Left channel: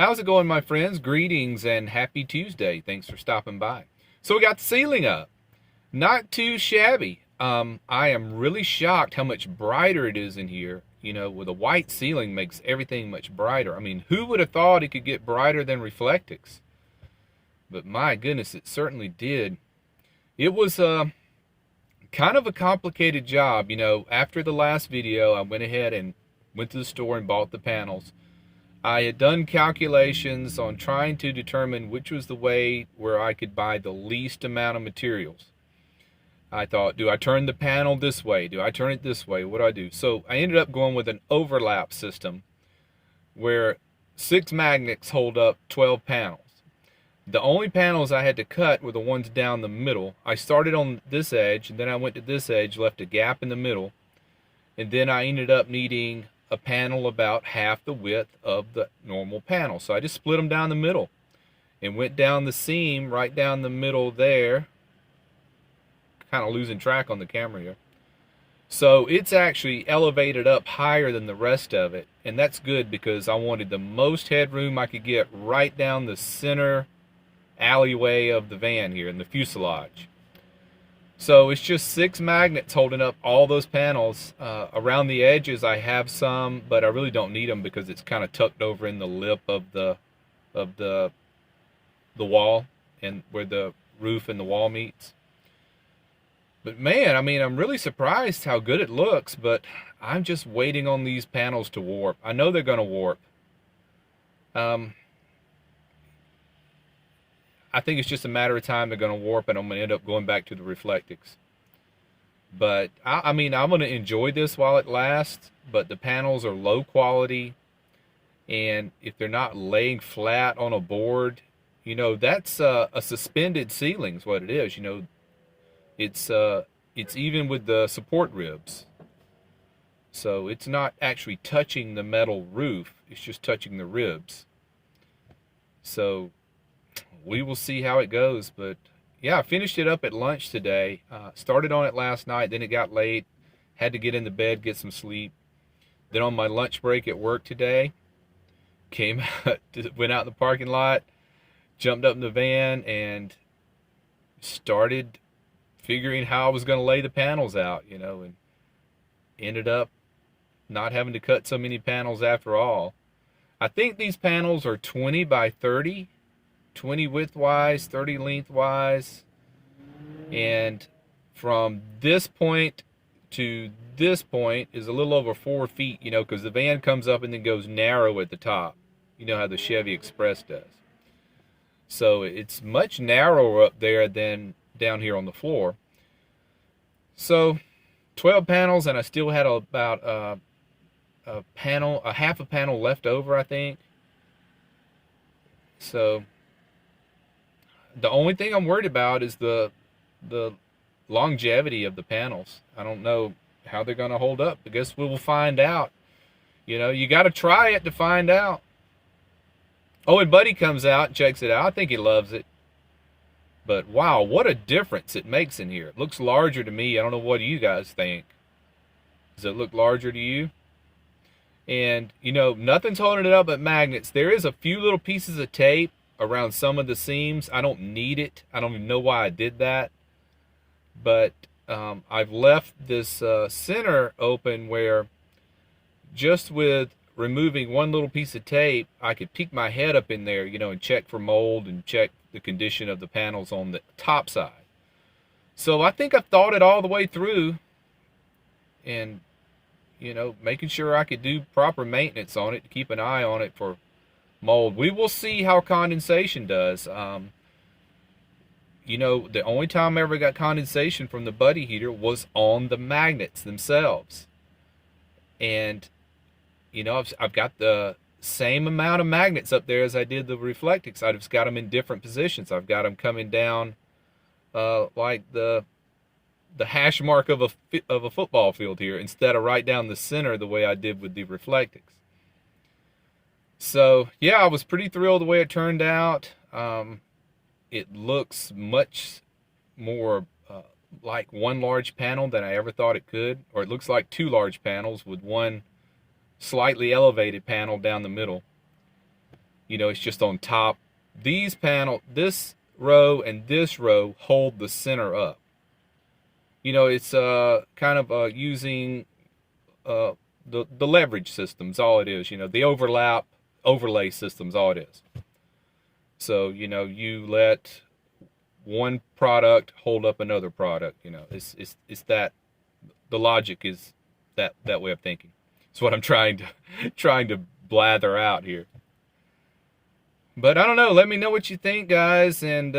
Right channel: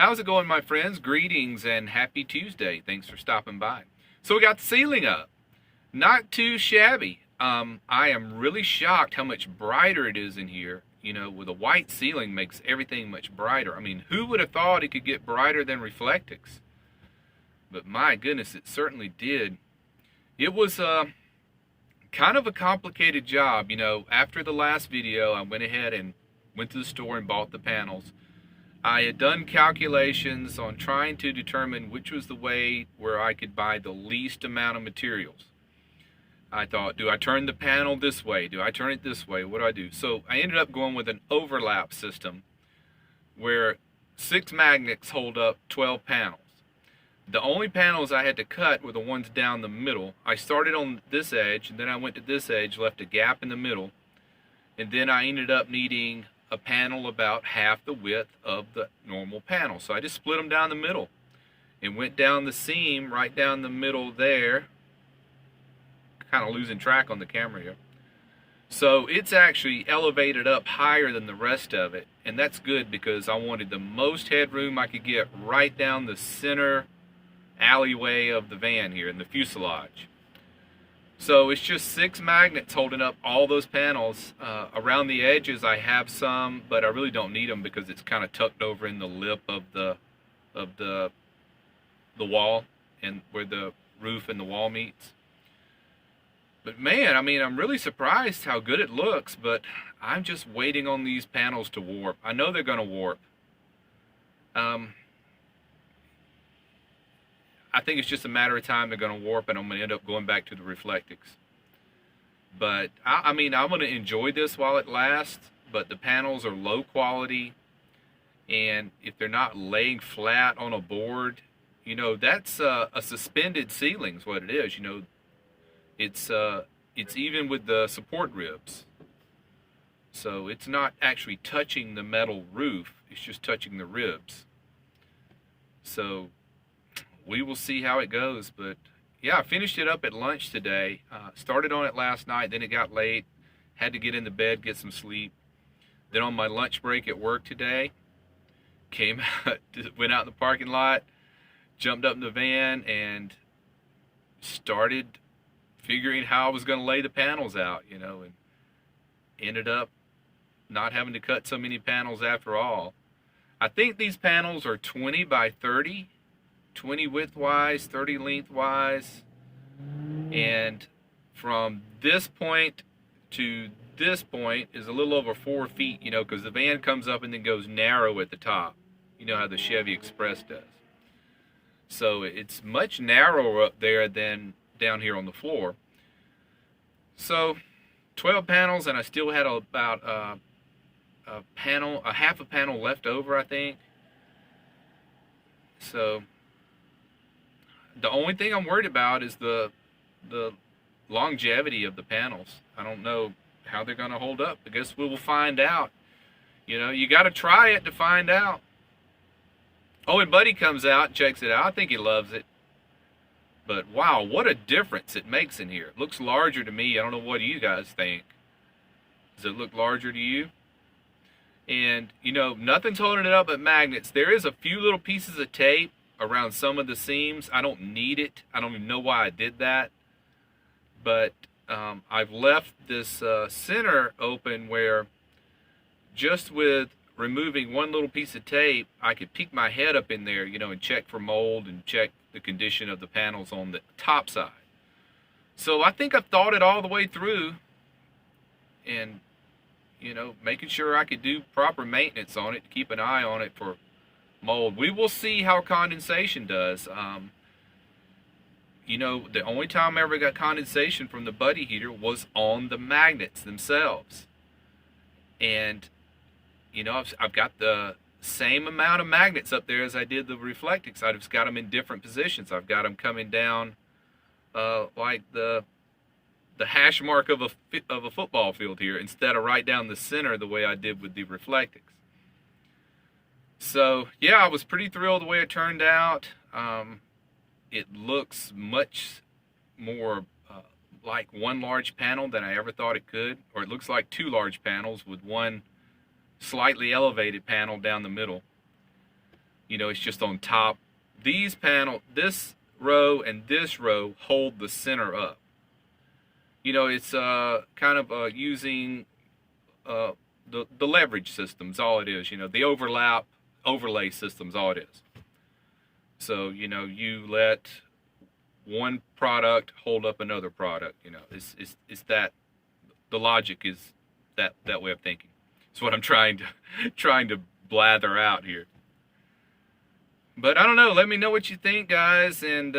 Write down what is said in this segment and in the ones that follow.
How's it going, my friends? Greetings and happy Tuesday. Thanks for stopping by. So we got the ceiling up. Not too shabby. I am really shocked how much brighter it is in here. You know, with a white ceiling makes everything much brighter. I mean, who would have thought it could get brighter than Reflectix? But my goodness, it certainly did. It was kind of a complicated job. You know, after the last video, I went ahead and went to the store and bought the panels. I had done calculations on trying to determine which was the way where I could buy the least amount of materials. I thought, do I turn the panel this way? Do I turn it this way? What do I do? So I ended up going with an overlap system where 6 magnets hold up 12 panels. The only panels I had to cut were the ones down the middle. I started on this edge, and then I went to this edge, left a gap in the middle, and then I ended up needing a panel about half the width of the normal panel. So I just split them down the middle and went down the seam right down the middle there. Kind of losing track on the camera here. So it's actually elevated up higher than the rest of it, and that's good because I wanted the most headroom I could get right down the center alleyway of the van here in the fuselage. So it's just 6 magnets holding up all those panels. Around the edges I have some, but I really don't need them because it's kind of tucked over in the lip of the wall and where the roof and the wall meets. But man, I mean, I'm really surprised how good it looks, but I'm just waiting on these panels to warp. I know they're going to warp. I think it's just a matter of time they're going to warp, and I'm going to end up going back to the Reflectix. But, I mean, I'm going to enjoy this while it lasts, but the panels are low quality, and if they're not laying flat on a board, you know, that's a suspended ceiling is what it is. You know, it's even with the support ribs. So it's not actually touching the metal roof, it's just touching the ribs. So we will see how it goes, but yeah, I finished it up at lunch today. Started on it last night, then it got late. Had to get into bed, get some sleep. Then on my lunch break at work today, came out, went out in the parking lot, jumped up in the van, and started figuring how I was going to lay the panels out, you know, and ended up not having to cut so many panels after all. I think these panels are 20 by 30. 20 width-wise, 30 length-wise, and from this point to this point is a little over 4 feet, you know, because the van comes up and then goes narrow at the top. You know how the Chevy Express does. So it's much narrower up there than down here on the floor. So 12 panels, and I still had about half a panel left over, I think. So the only thing I'm worried about is the longevity of the panels. I don't know how they're going to hold up. I guess we will find out. You know, you got to try it to find out. Oh, and Buddy comes out and checks it out. I think he loves it. But wow, what a difference it makes in here. It looks larger to me. I don't know what you guys think. Does it look larger to you? And, you know, nothing's holding it up but magnets. There is a few little pieces of tape around some of the seams. I don't need it. I don't even know why I did that. But I've left this center open where just with removing one little piece of tape, I could peek my head up in there, you know, and check for mold and check the condition of the panels on the top side. So I think I've thought it all the way through and, you know, making sure I could do proper maintenance on it, to keep an eye on it for mold. We will see how condensation does. You know, the only time I ever got condensation from the Buddy heater was on the magnets themselves. And, you know, I've got the same amount of magnets up there as I did the Reflectix. I've just got them in different positions. I've got them coming down like the hash mark of a football field here, instead of right down the center the way I did with the Reflectix. So yeah, I was pretty thrilled the way it turned out. It looks much more like one large panel than I ever thought it could, or it looks like 2 large panels with one slightly elevated panel down the middle. You know, it's just on top. These panel, this row and this row hold the center up. You know, it's kind of using the leverage system's all it is. You know, the overlay system's all it is. So, you know, you let one product hold up another product. You know, it's that the logic is that way of thinking. It's what I'm trying to blather out here. But I don't know. Let me know what you think, guys, and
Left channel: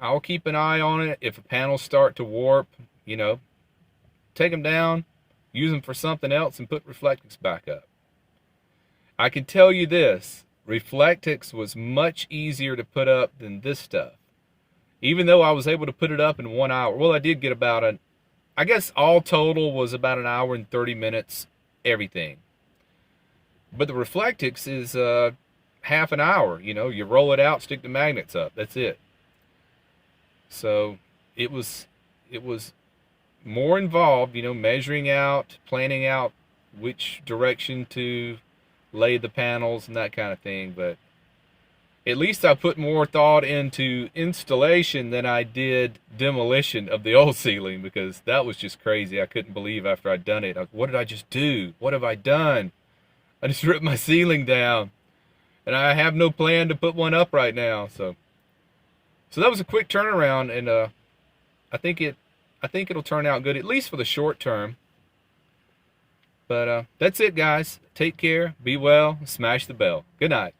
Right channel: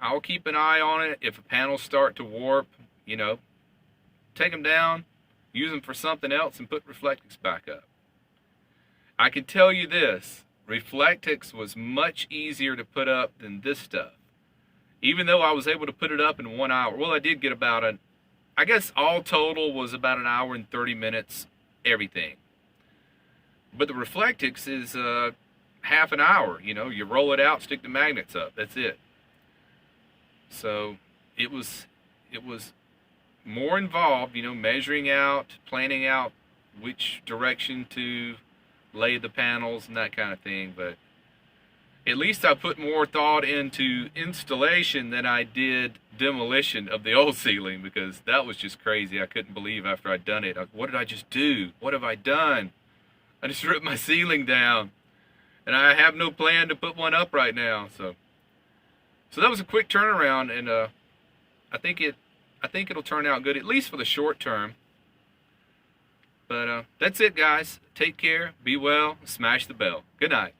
I'll keep an eye on it. If panels start to warp, you know, take them down, use them for something else, and put Reflectix back up. I can tell you this, Reflectix was much easier to put up than this stuff. Even though I was able to put it up in 1 hour. Well, I did get about I guess all total was about an hour and 30 minutes, everything. But the Reflectix is half an hour. You know, you roll it out, stick the magnets up. That's it. So it was more involved, you know, measuring out, planning out which direction to lay the panels and that kind of thing. But at least I put more thought into installation than I did demolition of the old ceiling, because that was just crazy. I couldn't believe after I'd done it. What did I just do? What have I done? I just ripped my ceiling down, and I have no plan to put one up right now. So that was a quick turnaround, and I think it'll turn out good, at least for the short term. But that's it, guys. Take care, be well, smash the bell. Good night.